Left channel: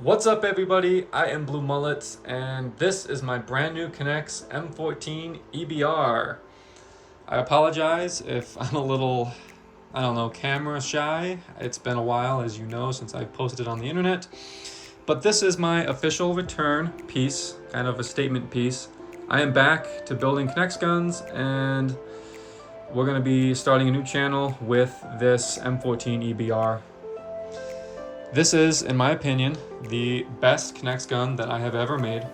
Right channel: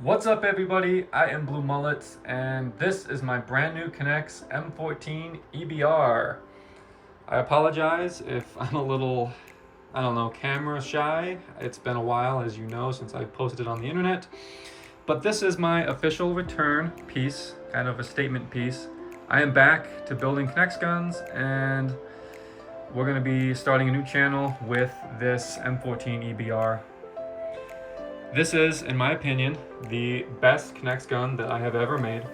What's up everybody, I am Blue Mullets and this is my brand new NEX M14 EBR. I apologize if I'm a little, camera shy. It's been a while, as you know, since I posted on the internet. But this is my official return piece, kind of a statement piece. I am back to building NEX guns and we're going to be starting a new channel with this M14 EBR. This is, in my opinion, the best NEX gun that I have ever made.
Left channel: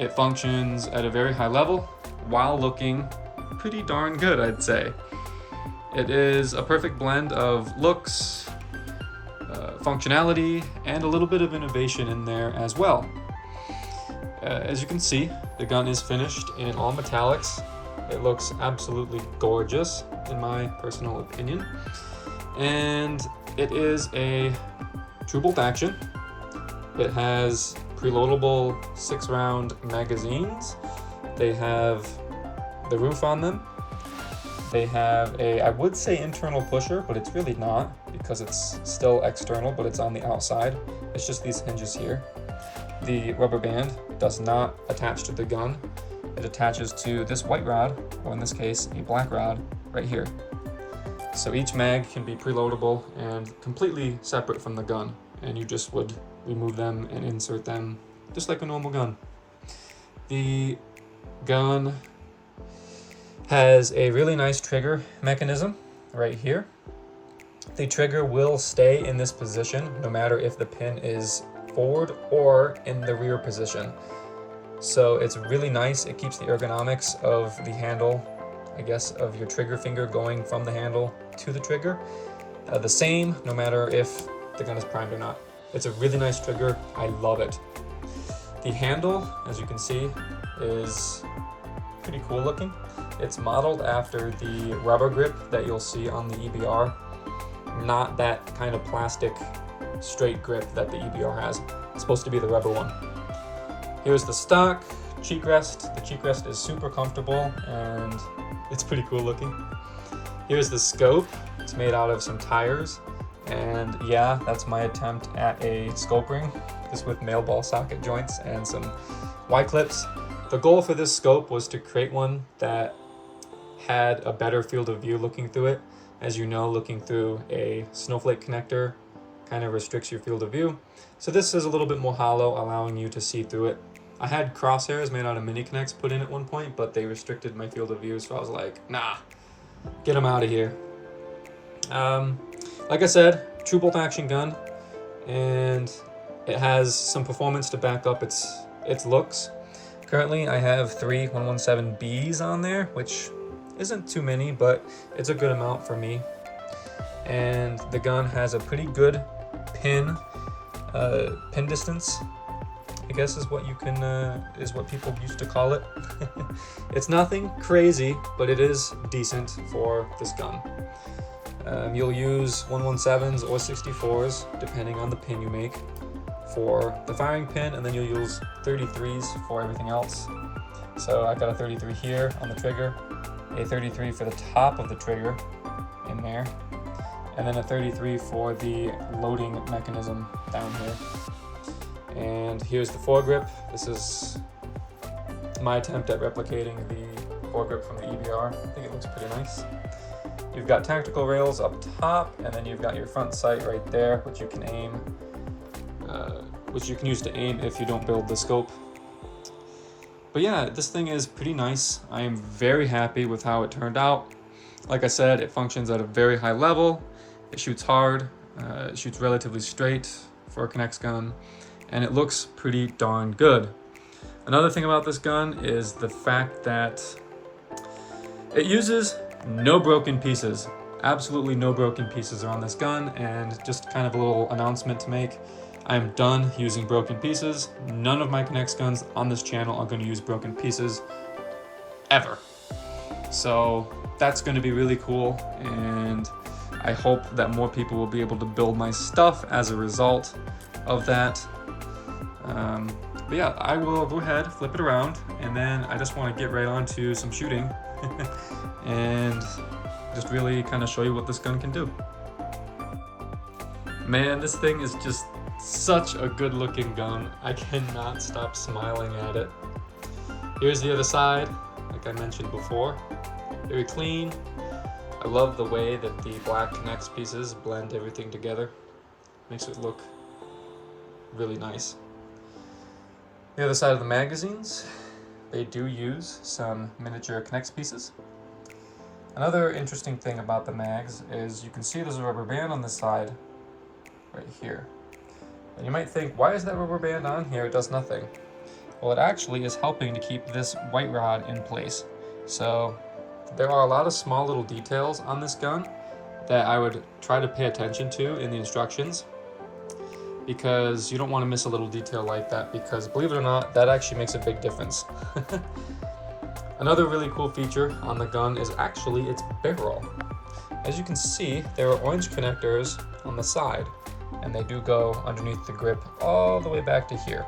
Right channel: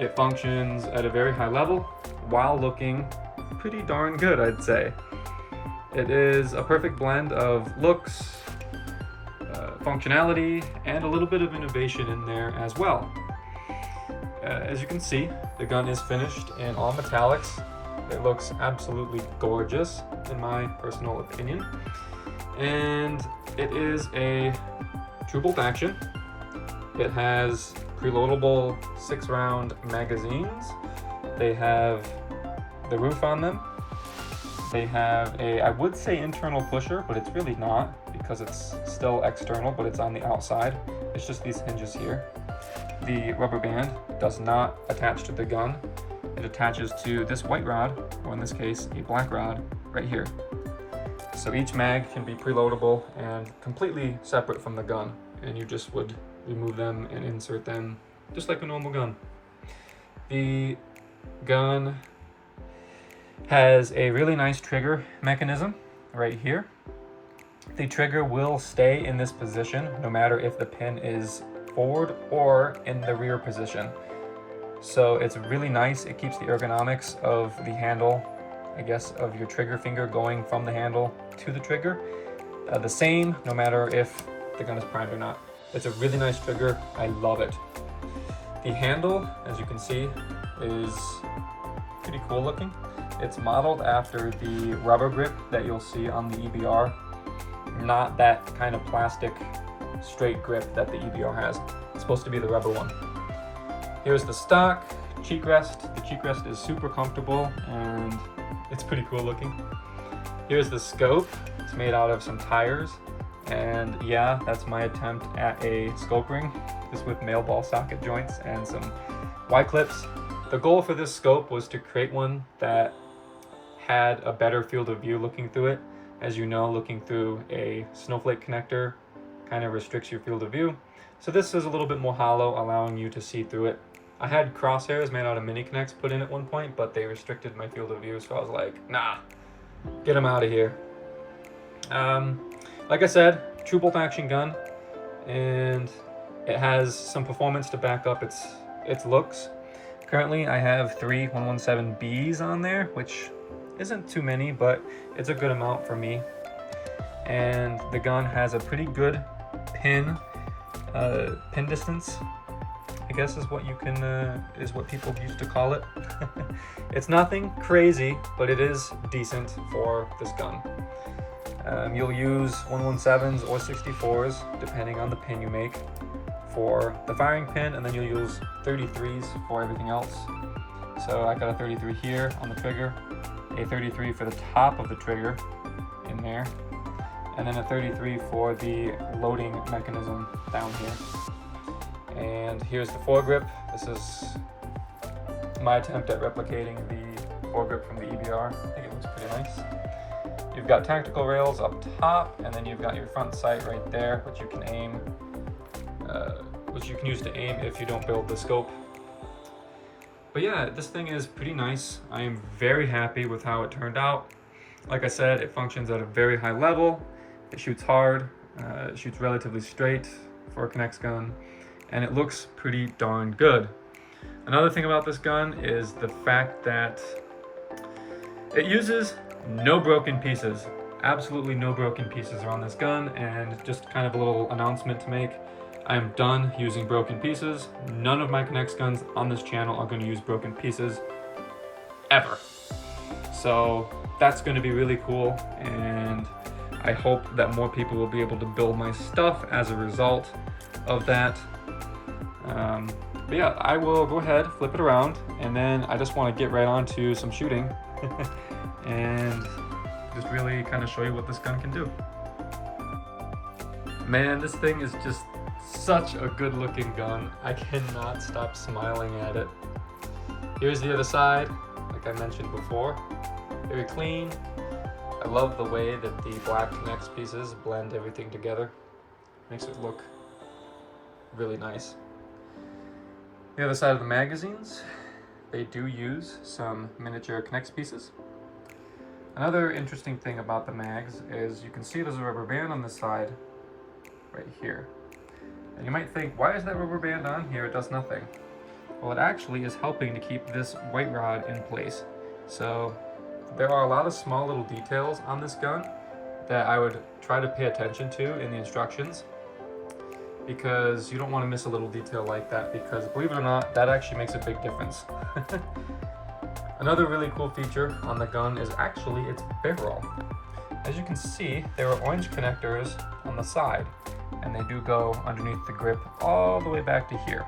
It functions at a very high level while looking pretty darn good, I'd say. It is a perfect blend of looks, functionality, and a little bit of innovation in there as well. As you can see, the gun is finished in all metallics. It looks absolutely gorgeous, in my personal opinion. And it is a true bolt action. It has pre-loadable 6-round magazines. They have the roof on them. They have a, I would say internal pusher, but it's really not because it's still external, but it's on the outside. It's just these hinges here. The rubber band does not attach to the gun. It attaches to this white rod, or in this case, a black rod right here. So each mag can be preloadable and completely separate from the gun, and you just would remove them and insert them just like a normal gun. The gun has a really nice trigger mechanism right here. The trigger will stay in this position no matter if the pin is forward or in the rear position. So it's really nice. It keeps the ergonomics of the handle, I guess, of your trigger finger going from the handle to the trigger the same no matter if the gun is primed or not. It's a really nice trigger. I love it. The handle, as you can see, is pretty cool looking. It's modeled after the rubber grip that you'll see on the EBR, not that kind of plastic straight grip that the EBR has. It's supposed to be the rubber one. Here's the stock cheek rest. The cheek rest is super comfortable and it's pretty cool looking. Here's the scope. It's made out of some tires. And yeah, that's my attempt at a scope ring, just with male ball socket joints and some Y-clips. The goal for this scope was to create one that had a better field of view looking through it. As you know, looking through a snowflake connector kind of restricts your field of view. So this is a little bit more hollow, allowing you to see through it. I had crosshairs made out of mini connects put in at one point, but they restricted my field of view, so I was like, nah, get them out of here. Like I said, true bolt action gun, and it has some performance to back up its looks. Currently, I have 3 117Bs on there, which isn't too many, but it's a good amount for me. And the gun has a pretty good pin distance, I guess is what you can is what people used to call it. It's nothing crazy, but it is decent for this gun. You'll use 117s or 64s depending on the pin you make for the firing pin, and then you'll use 33s for everything else. So I got a 33 here on the trigger, a 33 for the top of the trigger in there, and then a 33 for the loading mechanism down here. And here's the foregrip. This is my attempt at replicating the foregrip from the EBR. I think it looks pretty nice. You've got tactical rails up top, and then you've got your front sight right there, which you can aim, which you can use to aim if you don't build the scope. But yeah, this thing is pretty nice. I am very happy with how it turned out. Like I said, it functions at a very high level. It shoots hard, it shoots relatively straight for a NEX gun, and it looks pretty darn good. Another thing about this gun is the fact that it uses no broken pieces. Absolutely no broken pieces are on this gun, and just kind of a little announcement to make. I am done using broken pieces. None of my NEX guns on this channel are going to use broken pieces ever. So that's going to be really cool, and I hope that more people will be able to build my stuff as a result of that. But yeah, I will go ahead, flip it around, and then I just want to get right on to some shooting and just really kind of show you what this gun can do. Man, this thing is just such a good looking gun. I cannot stop smiling at it. Here's the other side, like I mentioned before. Very clean. I love the way that the black NEX pieces blend everything together. Makes it look really nice. The other side of the magazines, they do use some miniature NEX pieces. Another interesting thing about the mags is you can see there's a rubber band on the side right here. And you might think, why is that rubber band on here? It does nothing. Well, it actually is helping to keep this white rod in place. So there are a lot of small little details on this gun that I would try to pay attention to in the instructions, because you don't want to miss a little detail like that, because believe it or not, that actually makes a big difference. Another really cool feature on the gun is actually its barrel. As you can see, there are orange connectors on the side, and they do go underneath the grip all the way back to here.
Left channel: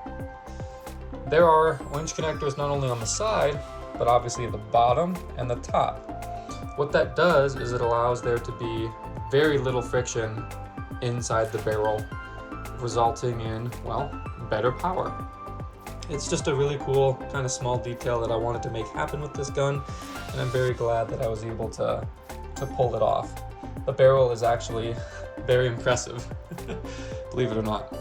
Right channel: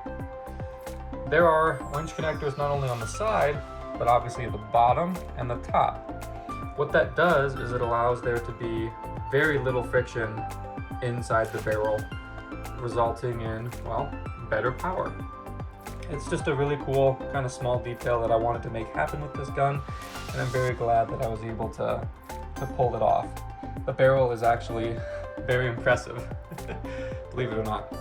There are orange connectors not only on the side, but obviously at the bottom and the top. What that does is it allows there to be very little friction inside the barrel, resulting in, well, better power. It's just a really cool kind of small detail that I wanted to make happen with this gun, and I'm very glad that I was able to pull it off. The barrel is actually very impressive, believe it or not.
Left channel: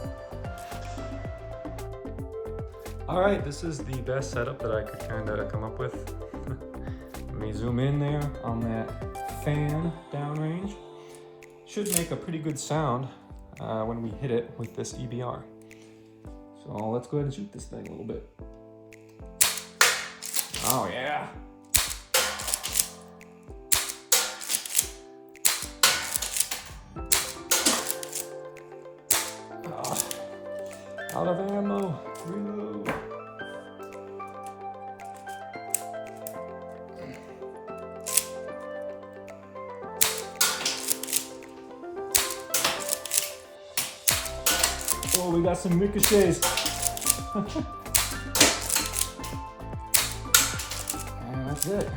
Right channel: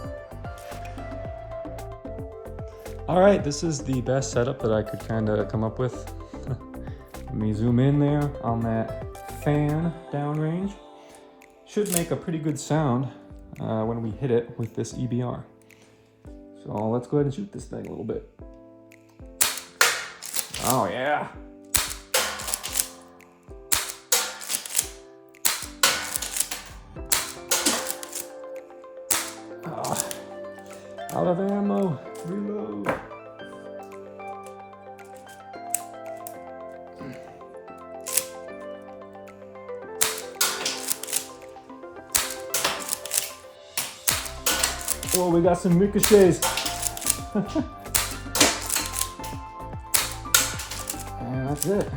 All right, this is the best setup that I could kind of come up with. Let me zoom in there on that fan downrange. Should make a pretty good sound when we hit it with this EBR. So let's go ahead and shoot this thing a little bit. Oh yeah. Out of ammo, reload. Oh, we got some ricochets. And that's it.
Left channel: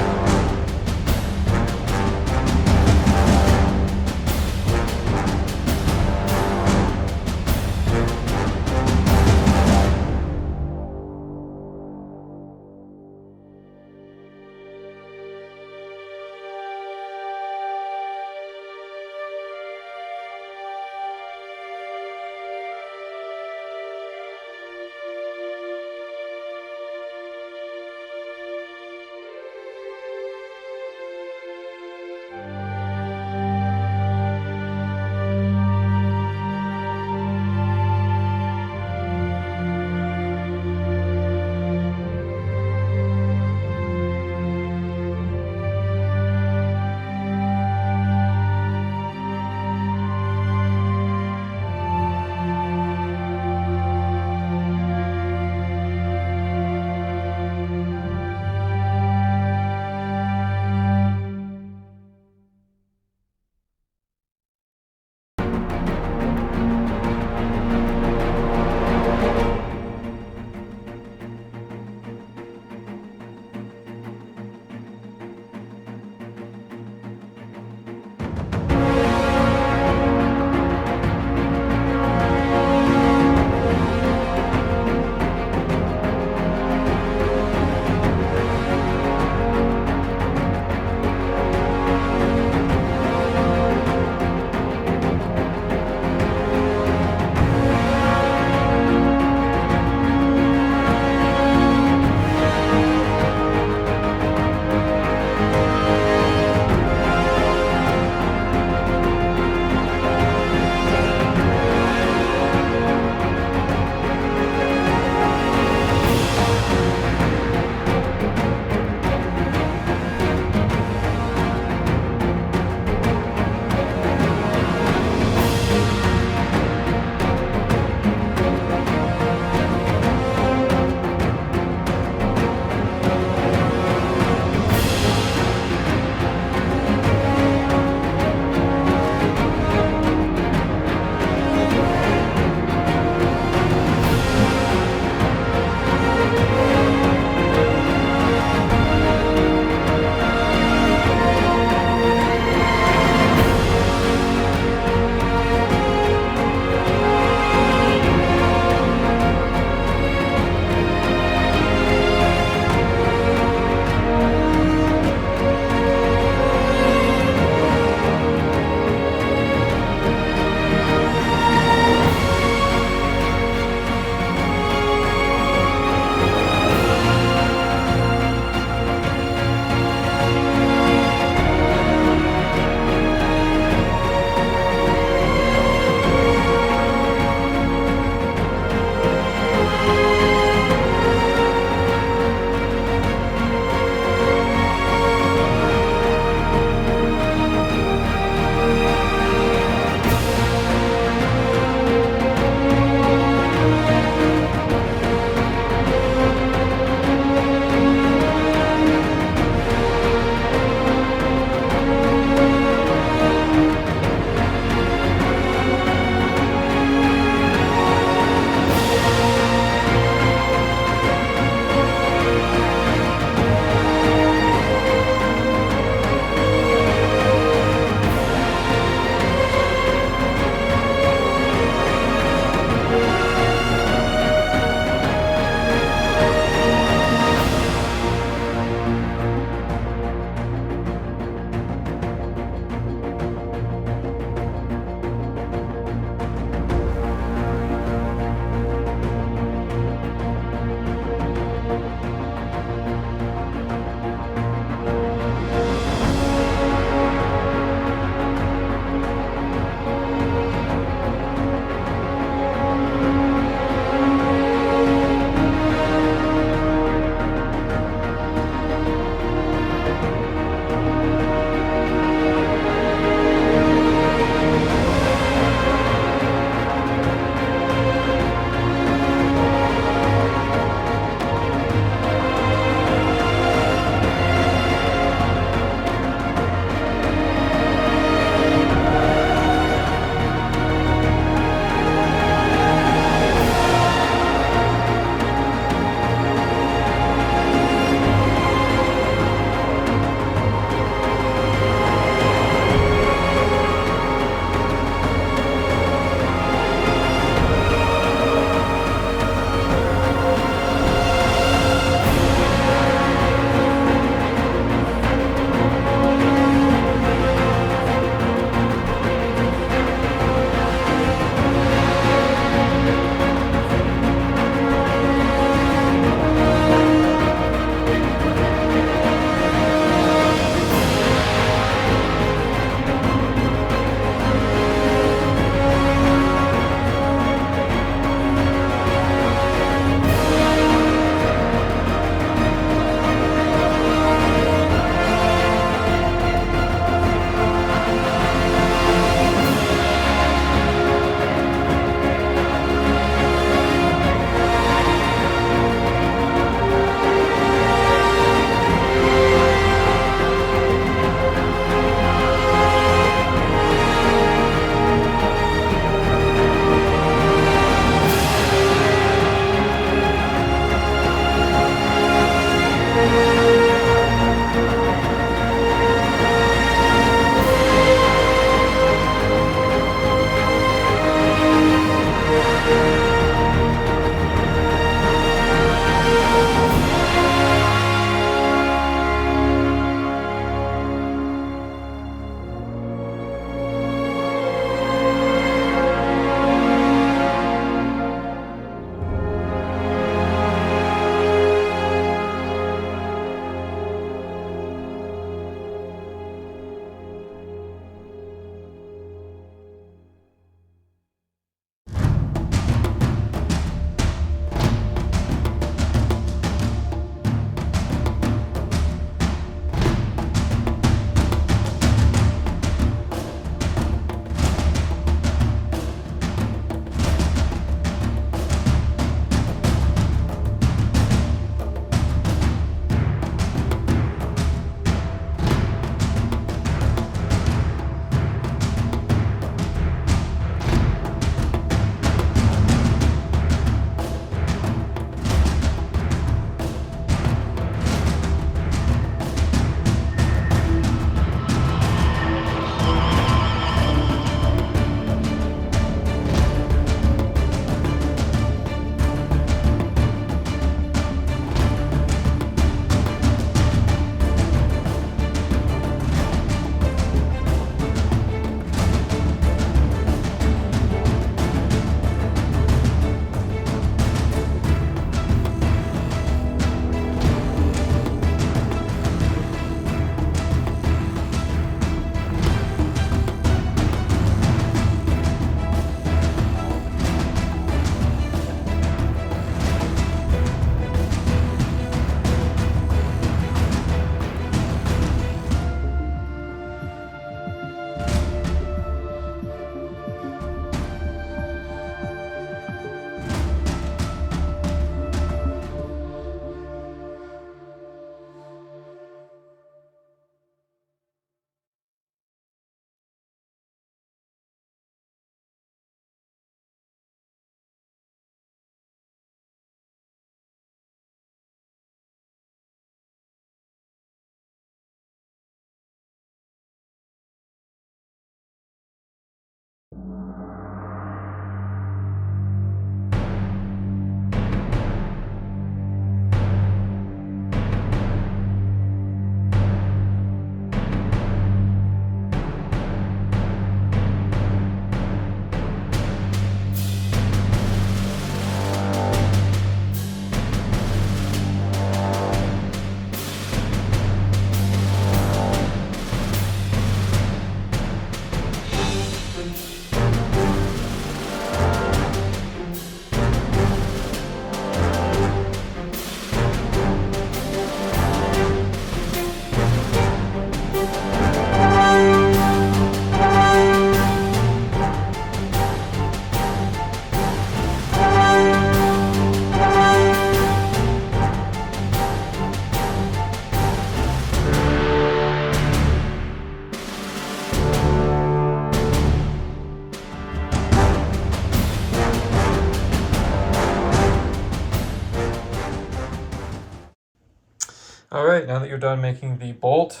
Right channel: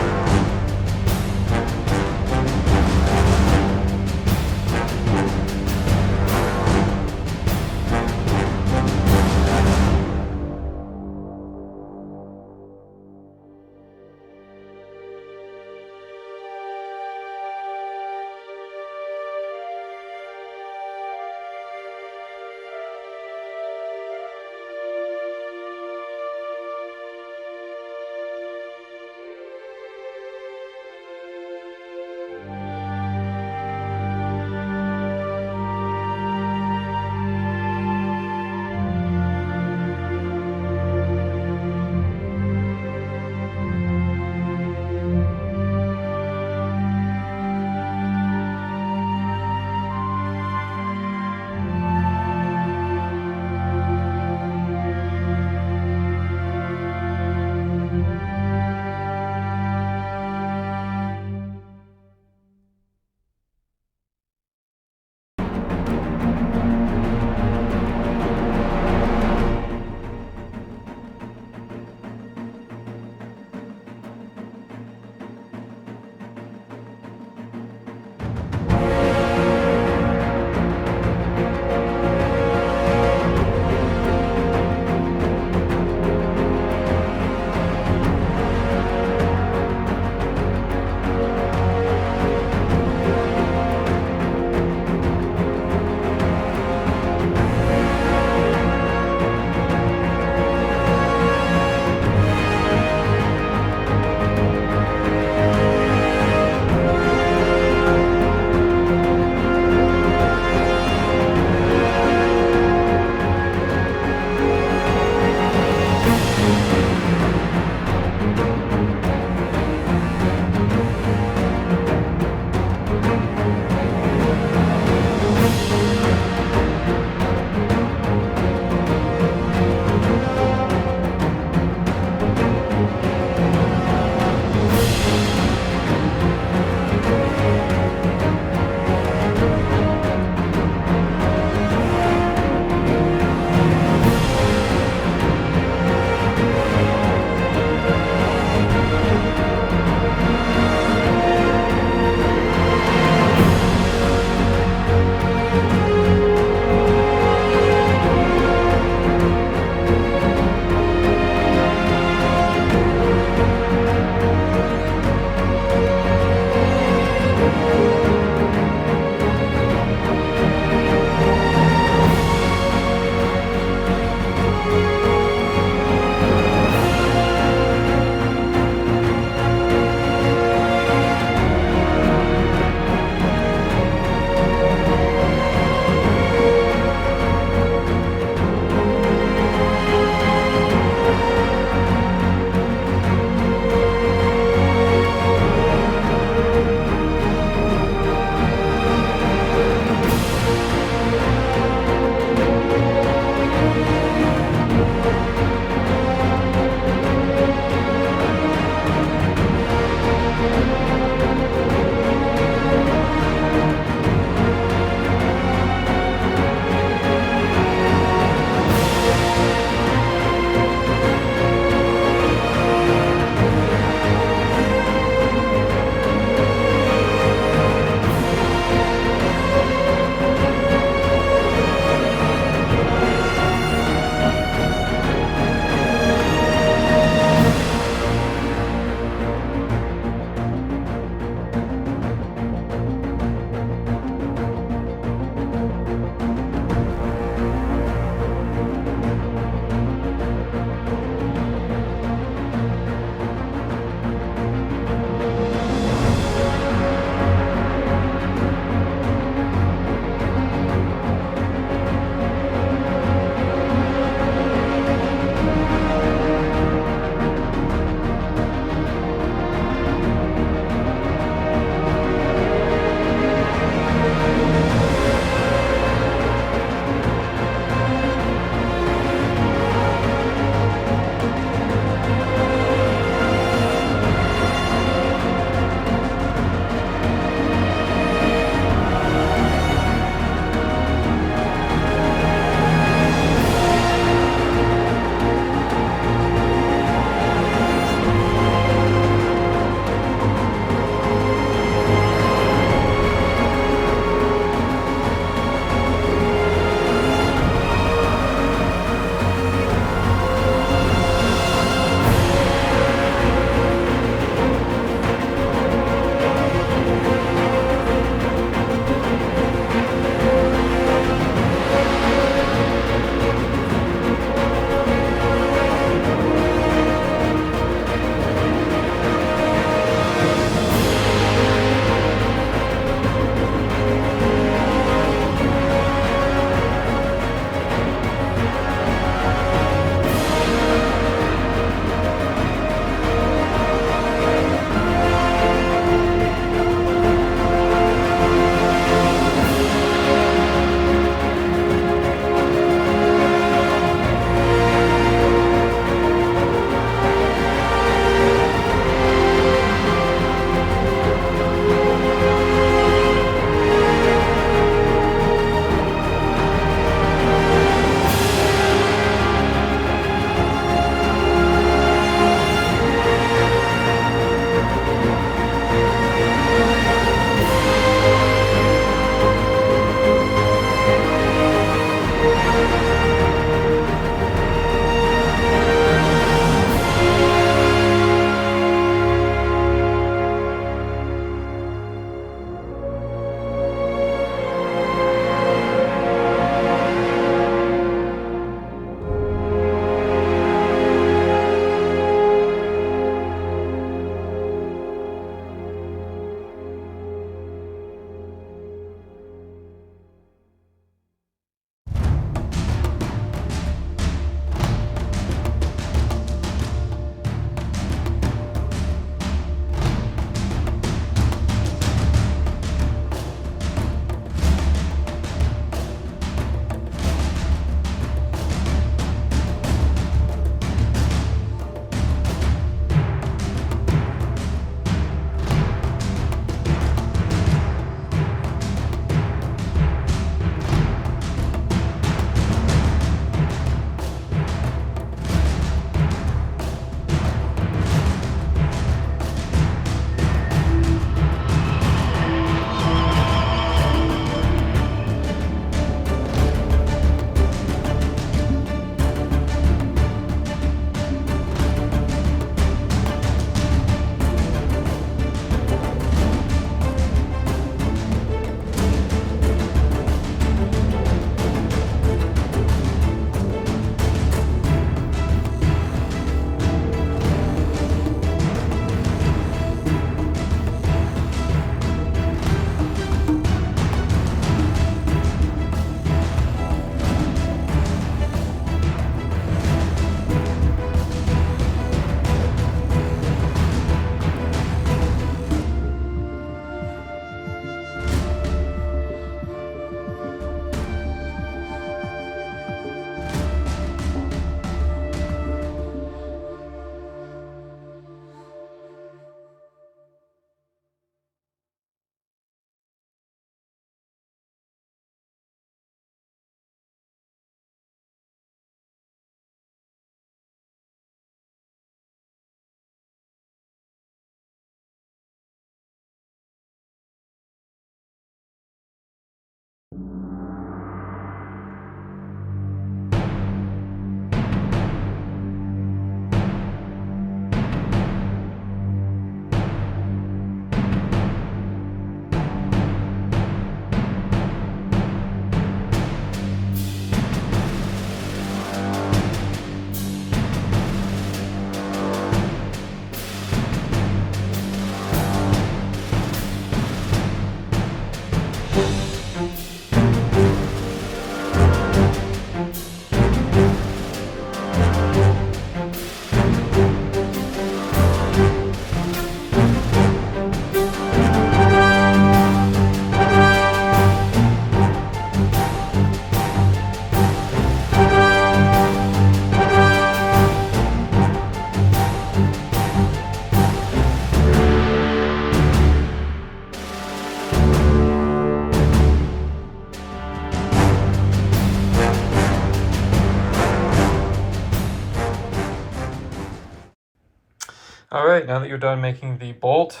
All right, now that you're done making the bolt,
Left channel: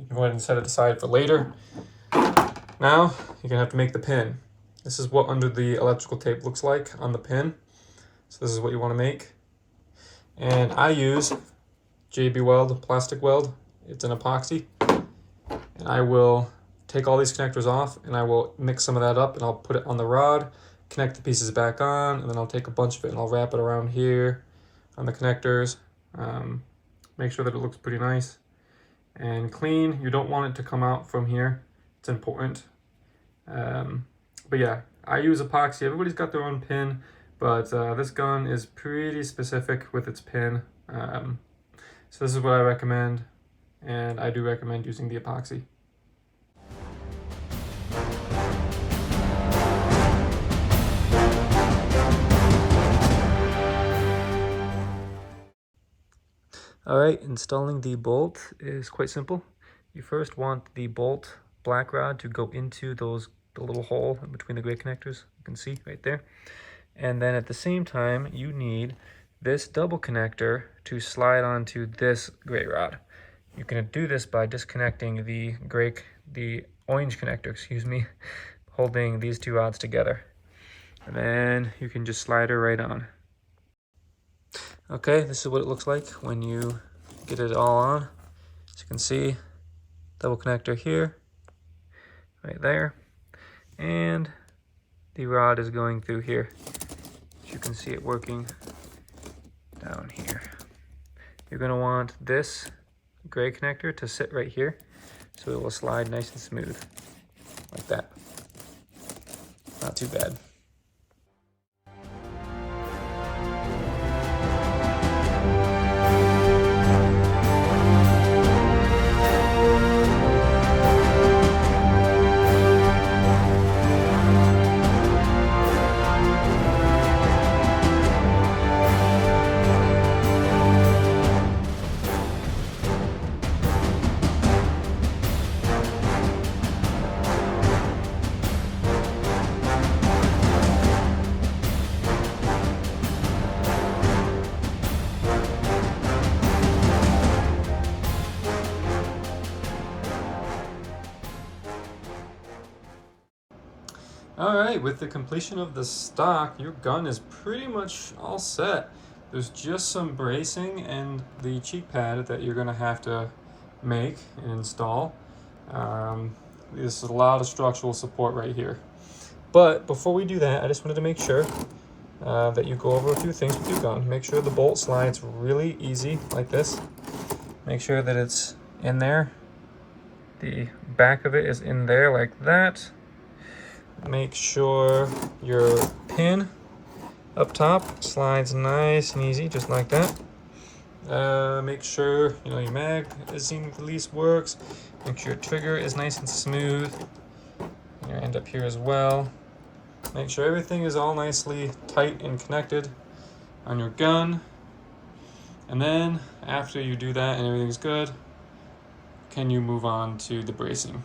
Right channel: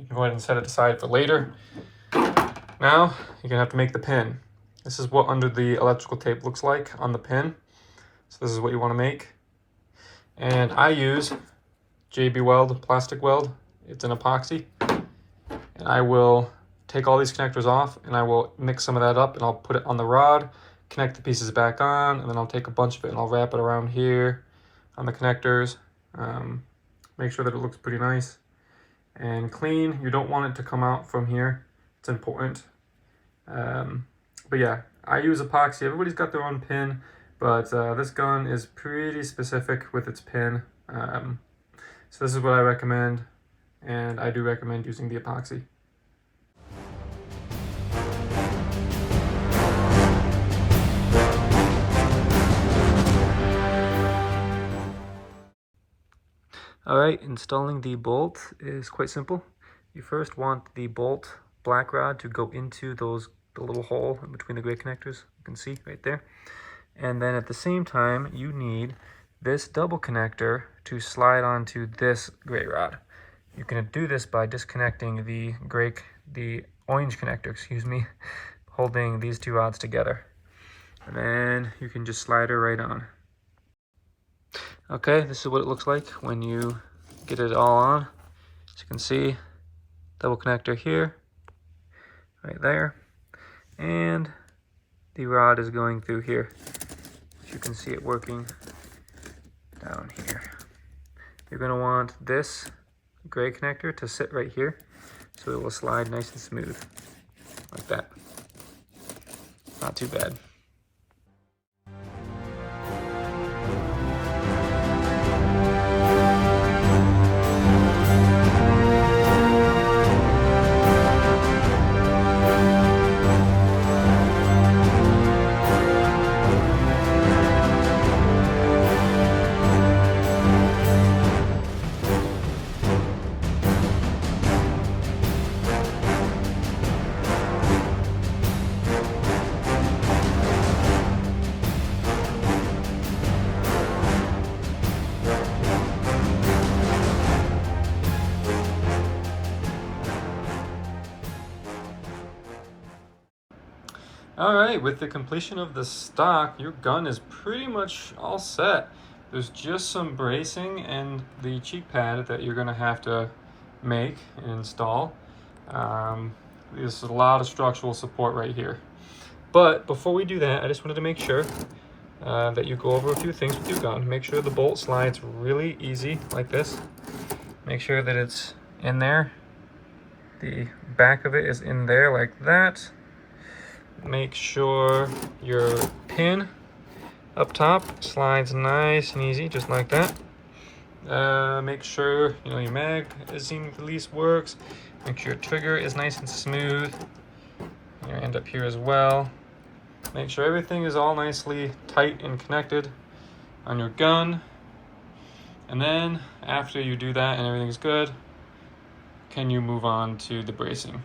you can go ahead and set it aside for later. Now, you're gonna have to make the pin. This is what under the electrical tape looks like on the pin. So this is what you wanna make. And I use JB Weld plastic weld. It's an epoxy. And I will take all these connectors off and I will mix some of that up and I'll put it on the rod, connect the pieces back on, and then I'll take a bunch of it and I'll wrap it around here on the connectors. Make sure that it looks pretty nice and clean. You don't want it to come out from here. It's important. But yeah, I use epoxy. Everybody's got their own pin, but this gun is pretty specific with its pin. So this is what I recommend, and I do recommend using the epoxy. All right, installing the bolt is quite simple. You first want the bolt black rod to go into the little hole in between the gray connectors. You can see right there. And then at the same time, you need this double connector to slide onto this gray rod. You can do this by disconnecting the orange connector, excuse me, holding these two rods together. And then you can just slide her right on. Okay, this is what it looks like when you get it all on. As you can see, double connector here, right there, and the rod is going through here. As you can see it working down here. You're going to want this gray connector to sit right here so it will slide nice and smooth, like that. Not too bad. All right, with the completion of the stock, your gun is pretty much all set. There's just some bracing and the cheek pad that you're gonna have to make and install. There's a lot of structural support right here. But before we do that, I just wanted to make sure that you go over a few things with your gun. Make sure the bolt slides really easy like this. Make sure that it's in there. The back of it is in there like that. Make sure your pin up top slides nice and easy, just like that. Make sure your magazine release works. Make sure your trigger is nice and smooth. Your end up here as well. Make sure everything is all nicely tight and connected on your gun. And then after you do that and everything's good, can you move on to the bracing?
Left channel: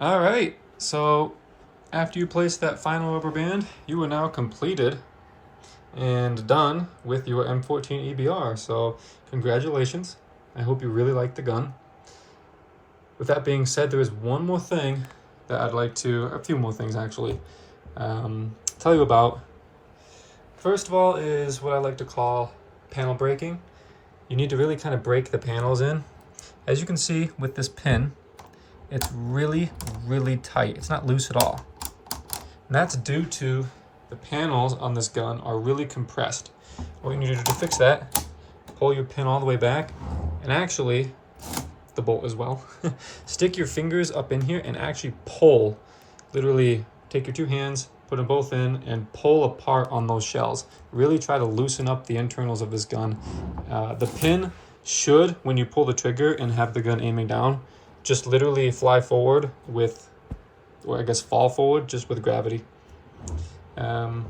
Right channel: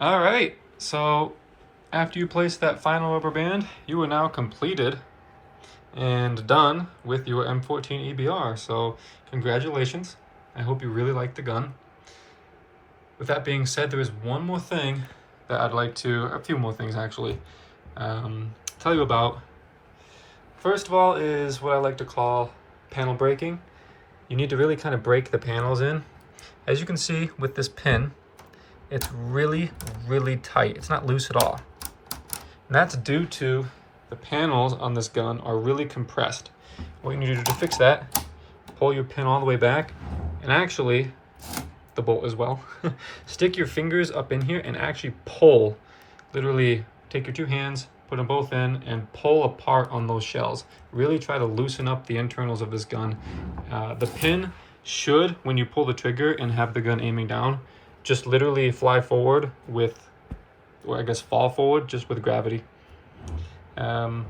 All right, so after you place that final rubber band, you are now completed and done with your M14 EBR. So congratulations. I hope you really like the gun. With that being said, there is one more thing that I'd like to, a few more things actually, tell you about. First of all is what I like to call panel breaking. You need to really kind of break the panels in. As you can see with this pin, it's really, really tight. It's not loose at all. And that's due to the panels on this gun are really compressed. What you need to do to fix that, pull your pin all the way back, and actually, the bolt as well, stick your fingers up in here and actually pull. Literally take your two hands, put them both in, and pull apart on those shells. Really try to loosen up the internals of this gun. The pin should, when you pull the trigger and have the gun aiming down, just literally fly forward with, or I guess fall forward just with gravity. After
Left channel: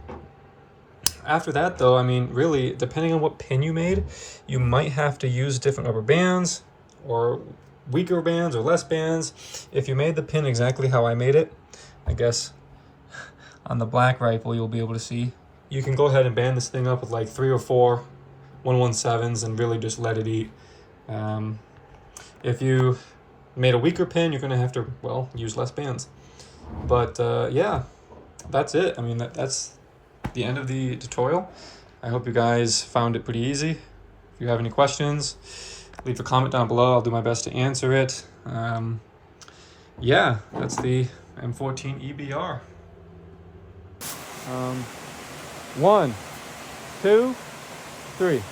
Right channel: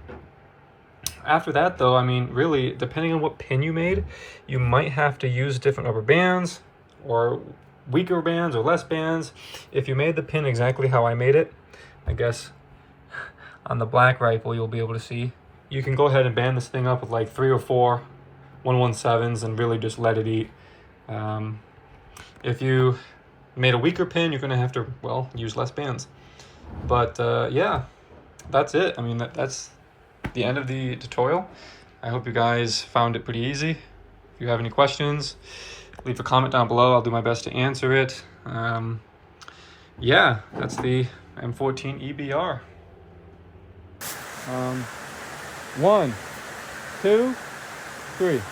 that though, I mean, really, depending on what pin you made, you might have to use different rubber bands or weaker bands or less bands. If you made the pin exactly how I made it, I guess on the black rifle you'll be able to see, you can go ahead and band this thing up with like 3 or 4 117s and really just let it eat. If you made a weaker pin, you're gonna have to, well, use less bands. But yeah, that's it. I mean, that's the end of the tutorial. I hope you guys found it pretty easy. If you have any questions, leave a comment down below. I'll do my best to answer it. Yeah, that's the M14 EBR. 1, 2, 3.